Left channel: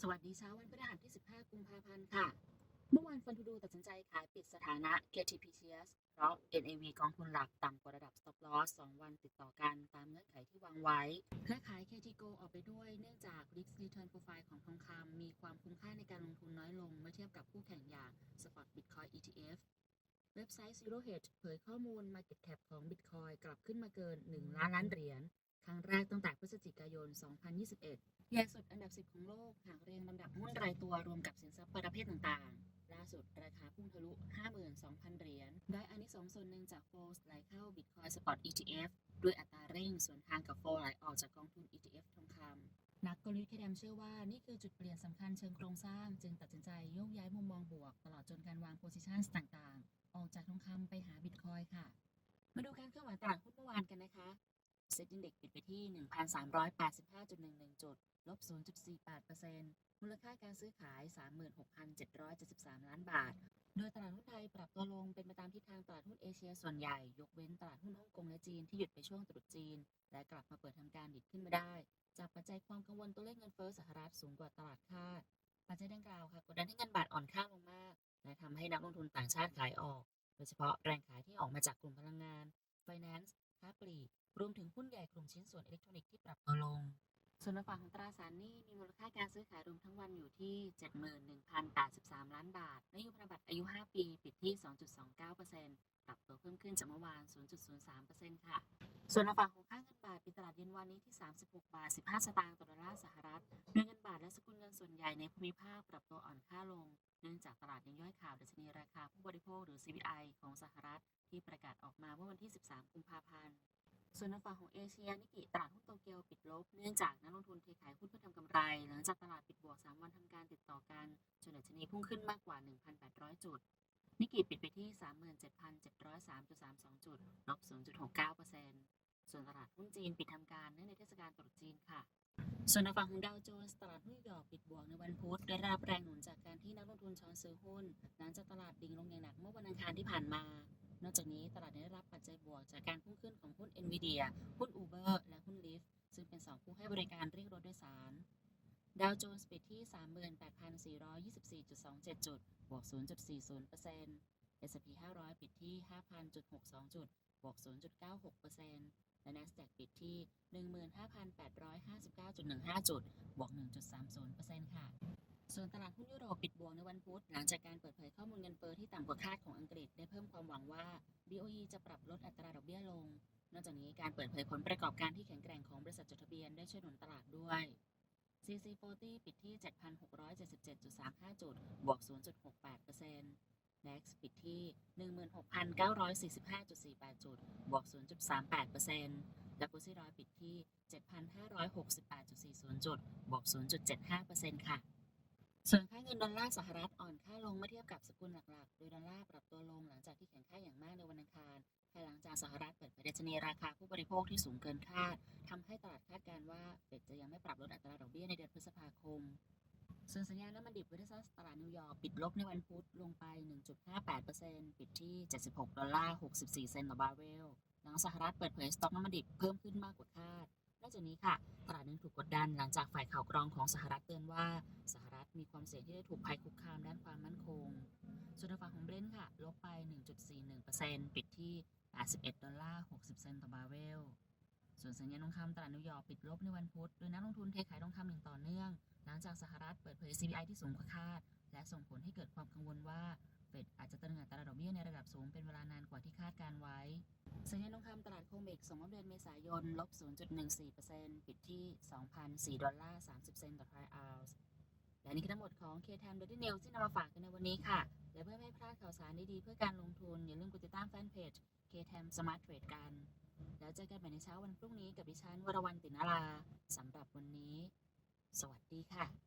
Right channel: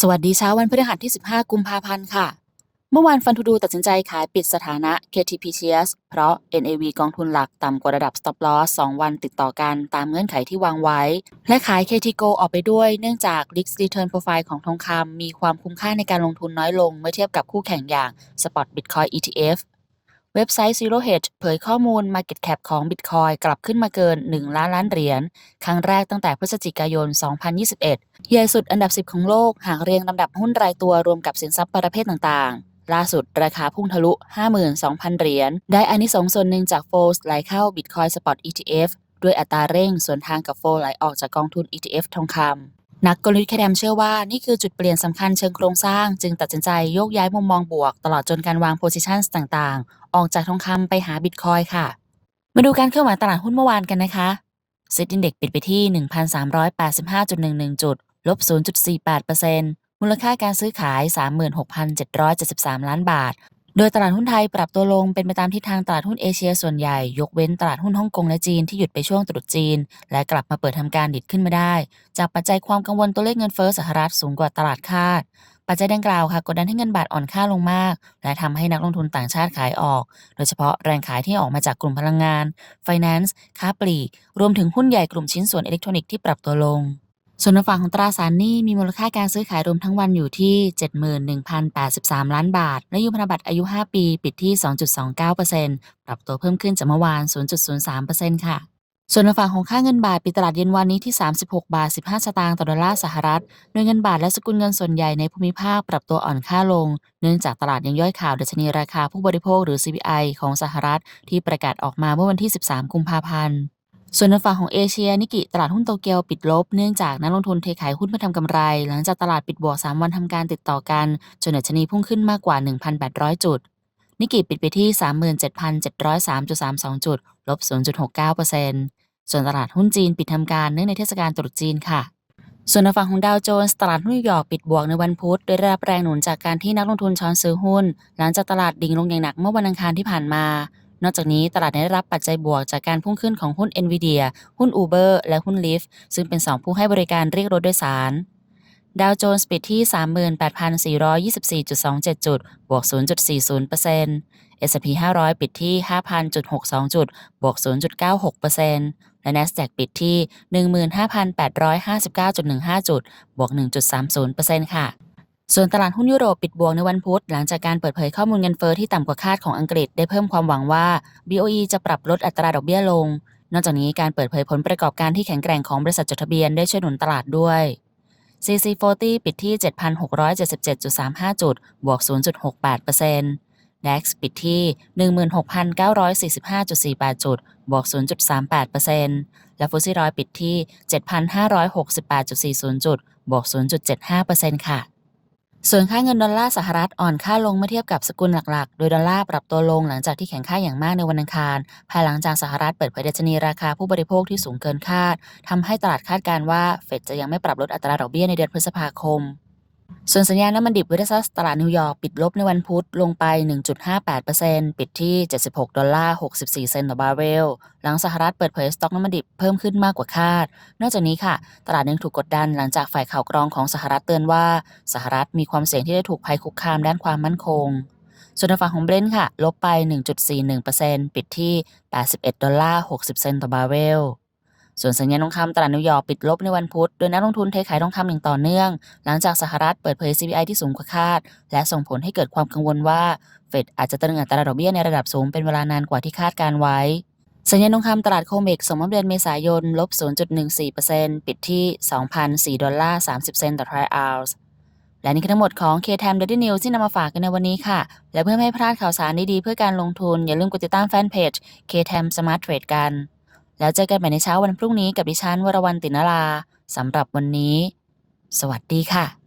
สวัสดีเช้าวันพฤหัสที่ 15 กุมภาพันธ์ค่ะ เมื่อวานฟันทูดูตัดสินใจขายปิดสถานะ KTP Shares เพราะ NAV กองทุนหลักต่ำกว่าระดับ Stop Loss 2 วันติดต่อกันตามเงื่อนไขที่วางไว้ และขาย KT Go ออกไปด้วยเนื่องจาก Risk Return Profile ของทองคำมีความคุ้มค่าในการลงทุนน้อยลง เมื่อเทียบกับคู่แข่งอย่าง Spot Bitcoin ETF เว็บไซต์ Zero Hedge เผยข้อมูล Market Cap ของ Bitcoin กลับขึ้นมาเกิน 1 ล้านล้านเหรียญ ครั้งแรกตั้งแต่พฤศจิกายน 2021 ใหญ่สุดอันดับ 10 ของโลก หากเรียงลำดับหุ้นรายตัวรวมกับสินทรัพย์ประเภทต่างๆ ล่าสุดราคาพุ่งทะลุ 52,000 เหรียญ ได้อานิสงส์ส่วนหนึ่งจากโฟลไหลเข้า Bitcoin Spot ETF ด้วยอัตราเร่งส่วนทางกับโฟลไหลออกจากกองทุน ETF ทองคำ นักกลยุทธ์แคดมเชื่อว่านี่คือจุดเปลี่ยนสำคัญเชิงโครงสร้าง จึงตัดสินใจโยกย้ายมุมมองบวก ตลอดจนการวางโพซิชันต่างๆ ออกจากทองคำไปหาบิตคอยค่ะ มาดูการเคลื่อนไหวตลาดหุ้นเมื่อวานกันนะคะเซ็ตอินเด็กปิดไปที่ 1,385.11 จุด ลบ 0.48%มูลค่าการซื้อขาย 36,773 ล้านบาท โดยตลาดหุ้นไทยปรับตัวลงเป็นไปตามทิศทางตลาดหุ้นเอเชียส่วนใหญ่ ยกเว้นตลาดหุ้นฮ่องกงและจีนที่หยุดไปช่วงตรุษจีน และกลับมาเปิดทำการดิดขึ้นมาได้ จากปัจจัยความกังวลตัวเลขเงินเฟ้อสหรัฐสูงกว่าตลาดคาด ปัจจัยดังกล่าวค่ะกดดันให้เงินบาทอ่อนค่าลงมาก และทำให้นักลงทุนต่างชาติขายออก โดยเฉพาะแรงขายที่ออกมาจากกลุ่มพลังงาน Finance ค้าปลีก รวมถึงหุ้นใหญ่กลุ่มชิ้นส่วนอิเล็กทรอนิกส์ที่ปรับตัวลง ส่วนในฝั่งของตราสารหนี้มีมูลค่าการซื้อขายรวมทั้งวันอยู่ที่ 71,083 ล้านบาท และยูพันธบัตรอายุ 5 ปี ปิดที่ 2.29%ปรับตัวเพิ่มขึ้นจากเมื่อวาน 0.03%ค่ะส่วนในฝั่งของค่าเงินบาทปิดตลาดเย็นวันนี้ที่ 36 บาท 15 สตางค์ต่อดอลลาร์สหรัฐ โดยเงินบาทและสกุลเงินส่วนใหญ่ในภูมิภาคปรับตัวอ่อนค่าลง เนื่องจากตลาดยังย่อยข่าวดัชนีราคาผู้บริโภคหรือ CPI ของสหรัฐที่ประกาศออกมาเมื่อวันที่ 13 กุมภาพันธ์ ส่วนในฝั่งของเอเชียนิกิตลาดหุ้นโตเกียวปิดลบ เนื่องจากนักลงทุนเทขายหุ้นเพื่อทำกำไร หลังจากตลาดปิดบวก 3 วันทำการติดต่อกัน จนดัชนีพุ่งขึ้นมากกว่า 1,800 จุด นิกิปิดไปที่ 37,703.32 จุด ลบ 0.69%ส่วนตลาดหุ้นจีนปิดทำการเนื่องในเทศกาลตรุษจีนค่ะส่วนในฝั่งของดาวโจนส์ตลาดหุ้นนิวยอร์กปิดบวกในวันพุธโดยได้รับแรงหนุนจากการที่นักลงทุนช้อนซื้อหุ้น หลังจากตลาดดิ่งลงอย่างหนักเมื่อวันอังคารที่ผ่านมา นอกจากนี้ตลาดได้รับปัจจัยบวกจากการพุ่งขึ้นของหุ้น NVIDIA หุ้น Uber และหุ้น Lyft ซึ่งเป็น 2 ผู้ให้บริการเรียกรถโดยสารดาวโจนส์ปิดที่ 38,424.27 จุด บวก 0.40% S&P 500 ปิดที่ 5,000.62 จุด บวก 0.96%และ NASDAQ ปิดที่ 15,859.15 จุด บวก 1.30%ค่ะ ส่วนตลาดหุ้นยุโรปปิดบวกในวันพุธ หลังจากการเปิดเผยข้อมูลเงินเฟอ้อที่ต่ำกว่าคาดของอังกฤษได้เพิ่มความหวังว่า BOE จะปรับลดอัตราดอกเบี้ยลง นอกจากนี้การเปิดเผยผลประกอบการที่แข็งแกร่งของบริษัทจดทะเบียนได้ช่วยหนุนตลาดด้วย CC40 ปิดที่ 7,677.35 จุด บวก 0.68% DAX ปิดที่ 16,945.48 จุด บวก 0.38%และฟุตซี่ร้อยปิดที่ 7,568.40 จุด บวก 0.75%ค่ะ ส่วนค่าเงินดอลลาร์สหรัฐอ่อนค่าลงเมื่อเทียบกับสกุลหลักๆ โดยดอลลาร์ปรับตัวลงหลังจากที่แข็งค่าอย่างมากในวันอังคาร ภายหลังจากสหรัฐเปิดเผยดัชนีราคาผู้บริโภคที่สูงเกินคาดทำให้ตลาดคาดการณ์ว่าเฟดจะยังไม่ปรับลดอัตราดอกเบี้ยในเดือนพฤษภาคม ส่วนสัญญาณน้ำมันดิบเวสซัสตลาดนิวยอร์กปิดลบในวันพุธลงไป 1.58%ปิดที่ 76 ดอลลาร์ 64 เซนต์ต่อบาร์เรล หลังสหรัฐเปิดเผยสต็อกน้ำมันดิบเพิ่มขึ้นมากกว่าคาด นอกจากนี้ค่ะ ตลาดยังถูกกดดันหลังจากฝ่ายข่าวกรองของสหรัฐเตือนว่า สหรัฐมีความเสี่ยงที่จะถูกภัยคุกคามด้านความมั่นคง ส่วนฝั่งของเบรนท์ค่ะ ลบไป 1.41%ปิดที่ 81 ดอลลาร์ 60 เซนต์ต่อบาร์เรล ส่วนสัญญาณทองคำตลาดนิวยอร์กปิดลบในวันพุธ โดยนักลงทุนเทขายทองคำอย่างต่อเนื่อง หลังจากสหรัฐเปิดเผย CPI ที่สูงกว่าคาด และส่งผลให้เกิดความกังวลว่า เฟดอาจจะตรึงอัตราดอกเบี้ยในระดับสูงเป็นเวลานานกว่าที่คาดการไว้ สัญญาณทองคำตลาดโคเมกส่งมอบเดือนเมษายนลบ 0.14%ปิดที่ 2,004ดอลลาร์30 เซนต์ต่อทรอยออนซ์และนี่คือทั้งหมดของ K-Time Daily News ที่นำมาฝากกันในวันนี้ค่ะ และเพื่อไม่ให้พลาดข่าวสารดีๆเพื่อการลงทุน อย่าลืมกดติดตามแฟนเพจ K-Time Smart Trade กัน แล้วเจอกันใหม่ในเช้าวันพรุ่งนี้กับดิฉันวรวรรณตินาราสำหรับวันนี้ สวัสดีค่ะ